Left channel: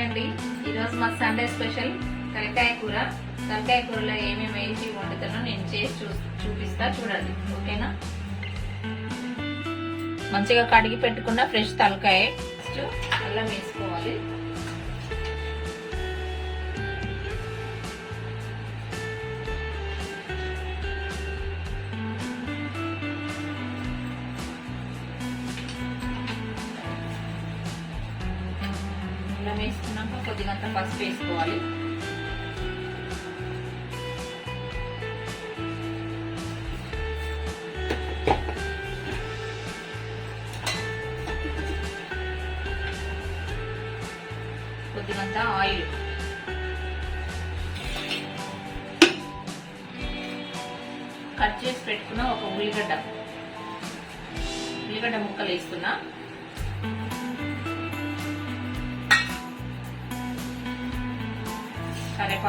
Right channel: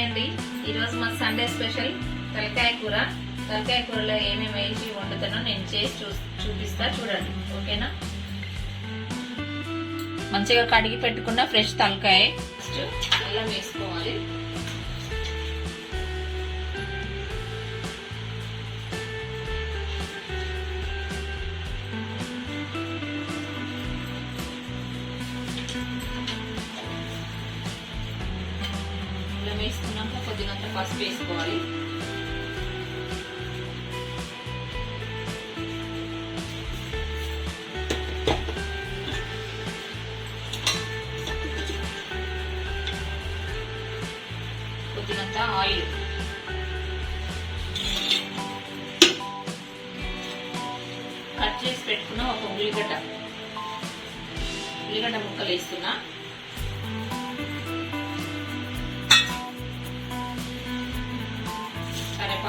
Hi అండి. ఈరోజు మా సండే స్పెషల్ తలకాయ కూర. తలకాయ కూరలో ఏమేమి వేసి వండుతానో నేను చేసి చూ చూపిస్తా చూడండి. ఓకేనా? మంచిగా కడిగి పెట్టుకున్న ఫ్రెష్ తలకాయ. ఫస్ట్ అల్లం వేసుకోవాలి. కొద్దిగంత పసుపు వేసుకోవాలి. కొద్దిగంత ఆయిల్. కట్ చేసి పెట్టుకున్న ఒక ఉల్లిగడ్డ. ఉల్లిగడ్డ ముక్కలు వేస్తున్నా.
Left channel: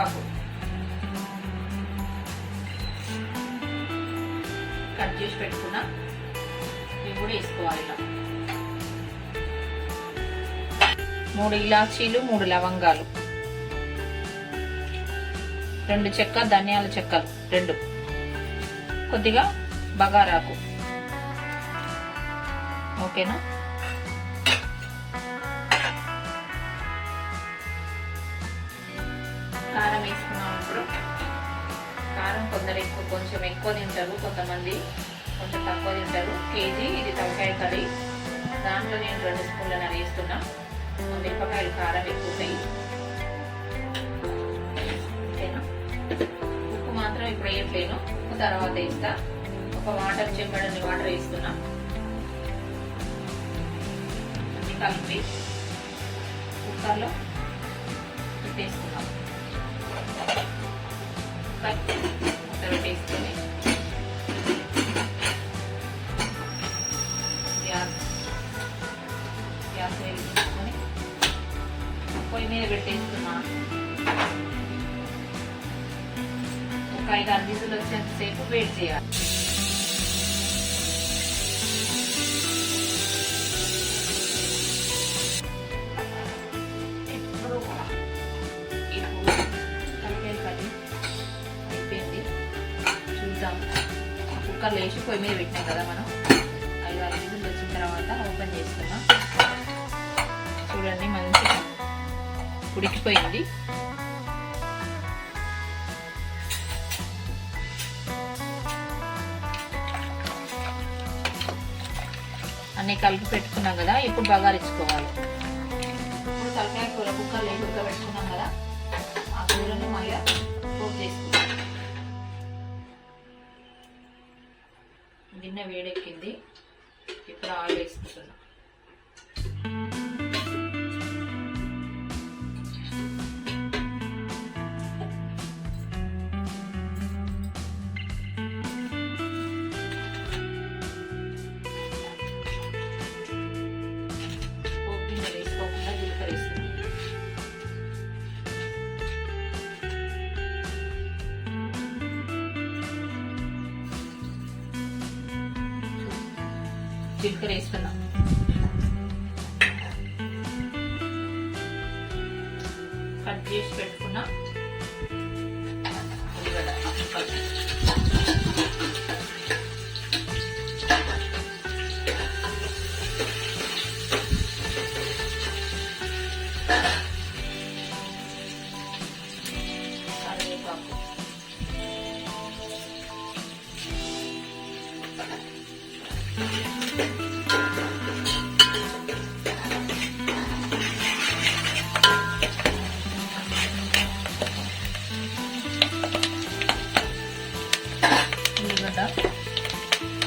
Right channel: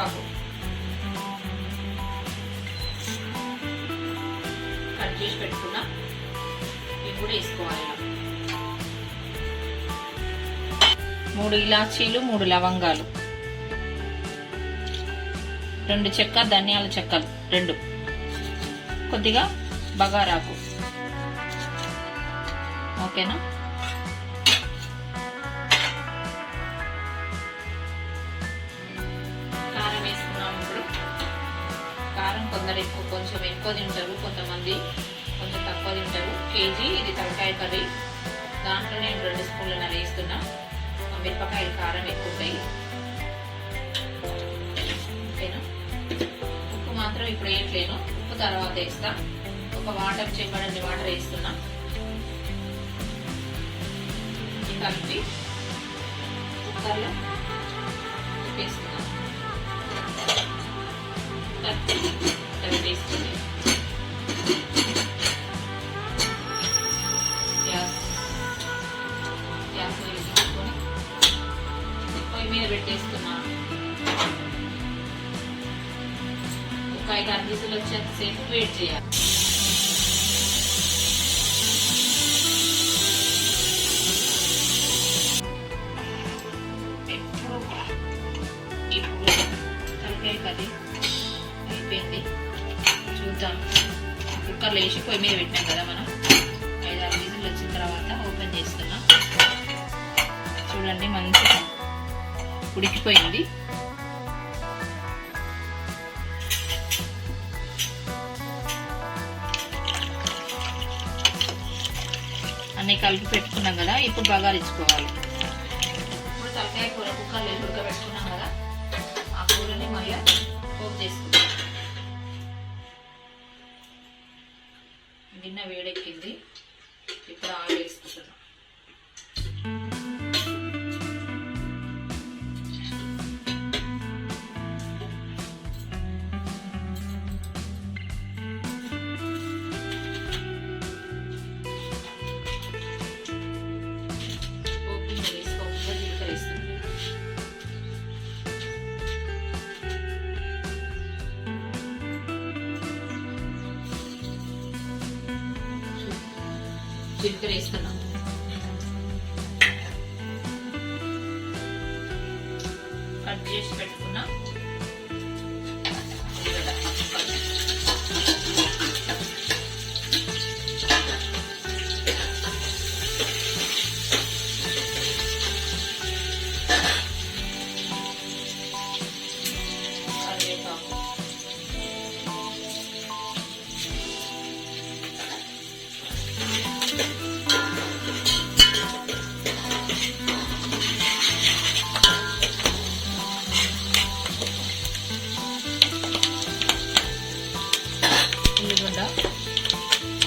కరివేపాకు కట్ చేసి పెట్టుకున్న. ఇవి కూడా వేసుకోవాలి మూడు ఇలాచీలు మూడు లవంగాలు. రెండు చెక్క ధనియాల చెక్కలు రెండు. కొద్దిగా బగారాకు. ఓకేనా? కొంచెం ఎక్కువ తింటారు కొంతమంది కొంచెం తక్కువ తింటారు. కేజీ ఇది తలకాయ కర్రీ. దాంట్లో నేను రెండు స్పూన్ల వేస్తున్నా. మిరపకాయలు కారం ఎక్కువ ఉంటాయి. ఓకేనా? ఉప్పు మాత్రం ఇప్పుడు వేయట్లేను. ఉప్పు తర్వాత వేస్తా. ఒక వాటర్ చెంబడని వాటర్ వేస్తున్నా. కలిపి కుక్కర్లో పెట్టేస్తున్నాం అట్లా పెట్టేసుకొని గ్యాస్ గ్యాస్ వెలిగించుకొని పొయ్యి మీద పెట్టేస్తున్నా ఒక ఐదు ఆరు విసులు వచ్చేంతసేపు వెయిట్ చేయాలి కుక్కర్లో లేచి పొయ్యి మీద పెట్టినాం కదా మనం. ఐదు ఆరు విజులు వచ్చిన తర్వాత ఓపెన్ చేసుకున్నాం. చూడండి మంచిగా ఉడికిపోయింది. అన్నీ కలిపి పెట్టుకున్నాం కదా ఇప్పుడు బగారించుకోవాలి ఇప్పుడు తలకాయ కూర కుక్కర్లో వేసి ఉడకబెట్టుకున్నాం కదా ఆ కూరని మళ్ళీ పోపు చేసుకుంటాం వేడెక్కింది. ఇప్పుడు ఆయిల్ జీలకర్ర వేసుకున్నాం కట్ చేసి పెట్టుకున్నాం.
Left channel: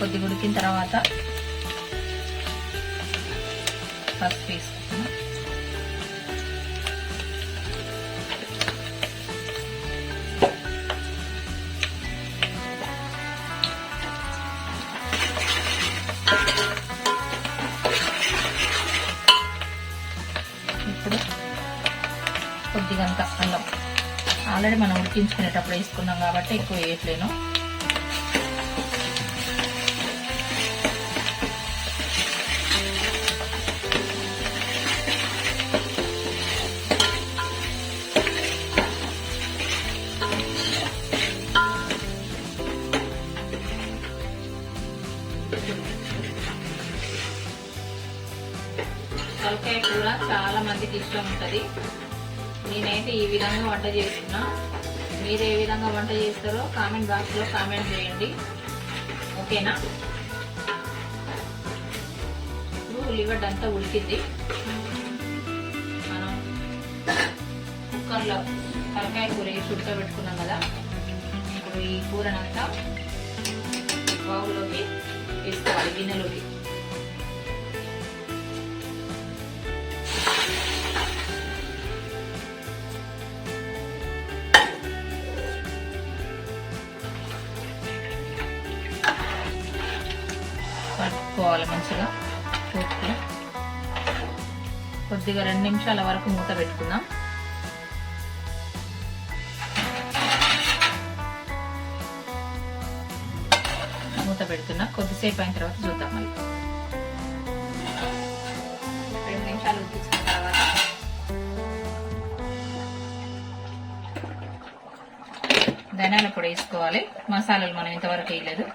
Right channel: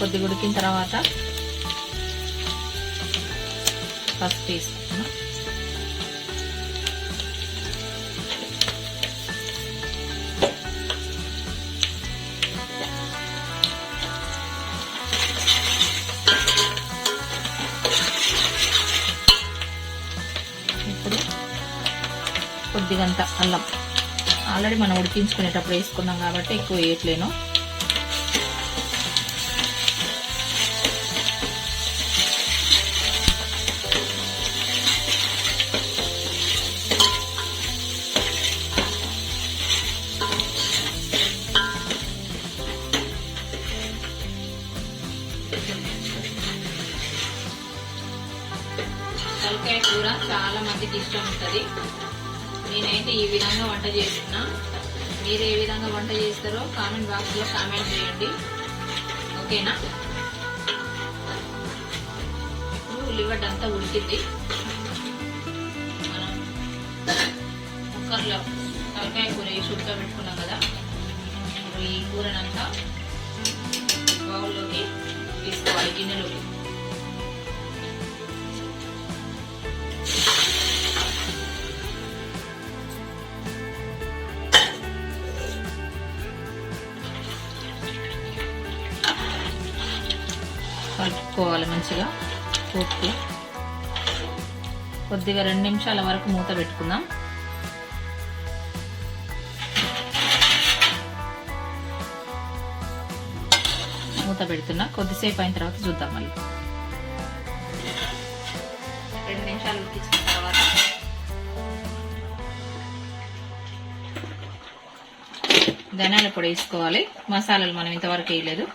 కొద్దిగా ఉడికిన తర్వాత పసుపు వేసుకుంటాం ఇప్పుడు కొద్దిగంత అల్లం. ఆల్రెడీ మనం ఉడికించుకునేటప్పుడు వేసుకున్నాం కాబట్టి ఎక్కువ వేయట్లేను. మందికి ఇష్టం ఉంటుంది. నేనైతే ఈ విధంగా వంట చేస్తున్నా. మీరు ఏ విధంగా వంట చేస్తారో కామెంట్ బాక్స్లో కామెంట్ చేయండి. ఓకేనా? ఇప్పుడు ఉల్లిగడ్డ అంతా ఉడికింది. మనం కుక్కర్లో తలకాయ కూర వేసి ఉడకబెట్టుకున్నాం కదా. ఇప్పుడు ఈ కూరనంతా బౌల్లోకి తీసుకోవాలి గిన్నెలోకి. కలుపుకోవాలి మంచిగా. పూర్తి కొద్దిగా రెండు నిమిషాల వరకు మూత పెట్టుకుందాం. మూత పెడుతున్నా. కొద్దిసేపు అయిన తర్వాత చూద్దాం మళ్ళీ. రెండు నిమిషాలు ఉడికించిన తర్వాత. ధనియాల పొడి వేసుకోవాలి. మసాలాలు మనం ఇంతవరకు వేయలేదు.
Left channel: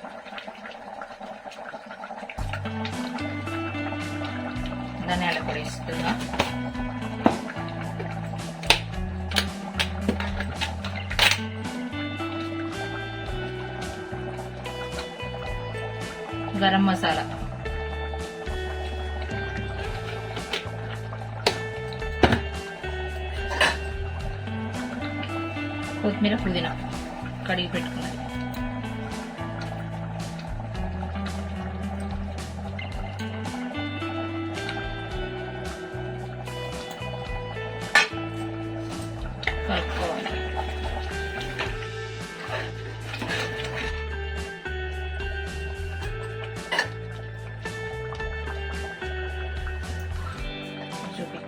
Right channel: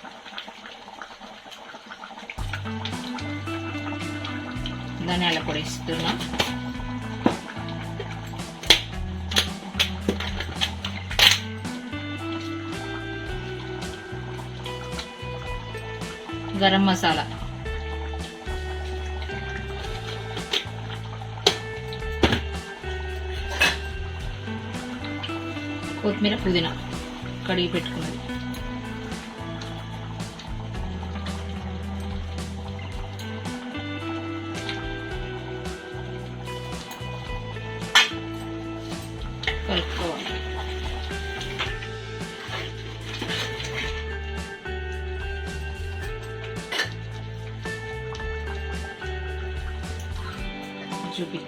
ధనియాల పొడి ఇస్తున్నా గరం మసాలా. కొత్తిమీర పుదీనా కడిగి పెట్టుకున్నాను. చూపి.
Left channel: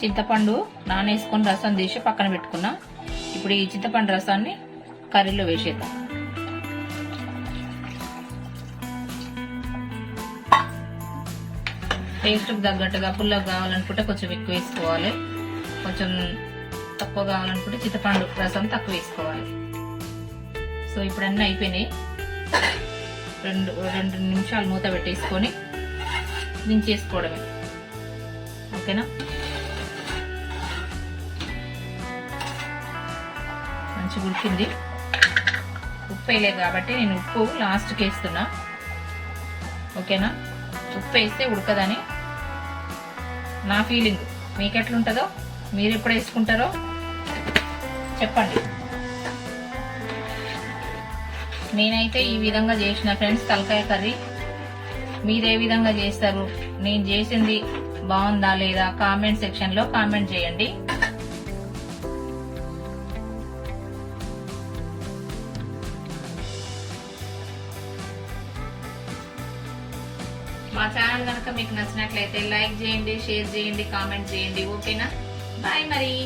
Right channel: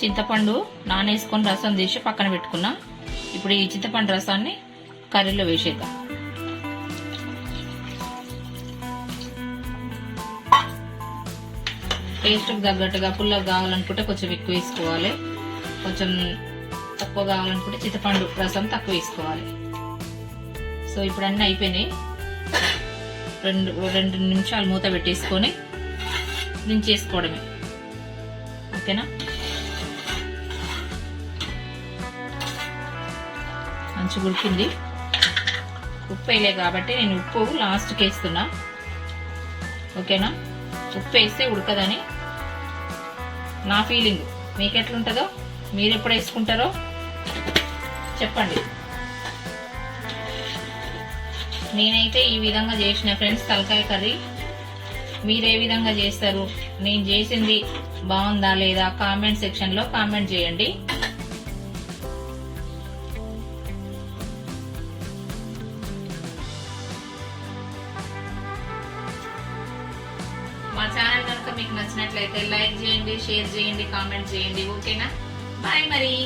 చింతపండు నానేసుకొని రసం తీసి పక్కన పెట్టుకున్నా. ఇప్పుడు ఈ చింతపండు రసాన్ని కర్రీలో వేసేద్దాం. టేస్ట్కి తగ్గట్టుగా పుల్లగా కావాలనుకుంటే కొంచెం ఎక్కువ వేసుకోవాలి. కొంచెం తక్కువ కావాలనుకుంటే చింతపండు రసం తక్కువ వేసుకోవాలి. సో ఇప్పుడు అన్నీ అయిపోయినాయి. రెండు రెండు నిమిషాలు మూత పెట్టేసుకొని దించేసుకోవడమే ఓకేనా? మంచిగా ఉడికింది. ఉప్పు వేయలే కాబట్టి నేను ఉప్పు లాస్ట్కి వేస్తున్నా. ఓకేనా? ఉప్పు వేస్తే ఉడకదని నా ఫీలింగ్ మీకు ఎట్లుంటుందో మీరు ఎప్పుడు వేసుకుంటారో చెప్పండి. నేనైతే ఈ విధంగా చేసిన ఫ్రెండ్స్ తలకాయ కర్రీ మీరు ఏ విధంగా చేస్తారు. నేను చేసింది బాగుందా లేదా కామెంట్ సెక్షన్లో కామెంట్ చేయండి. మా ఛానల్ కనుక మీకు నచ్చినట్లయితే లైక్ చేయండి షేర్ చేయండి కామెంట్ చేయండి. ఓకేనా? బాయ్ మరి.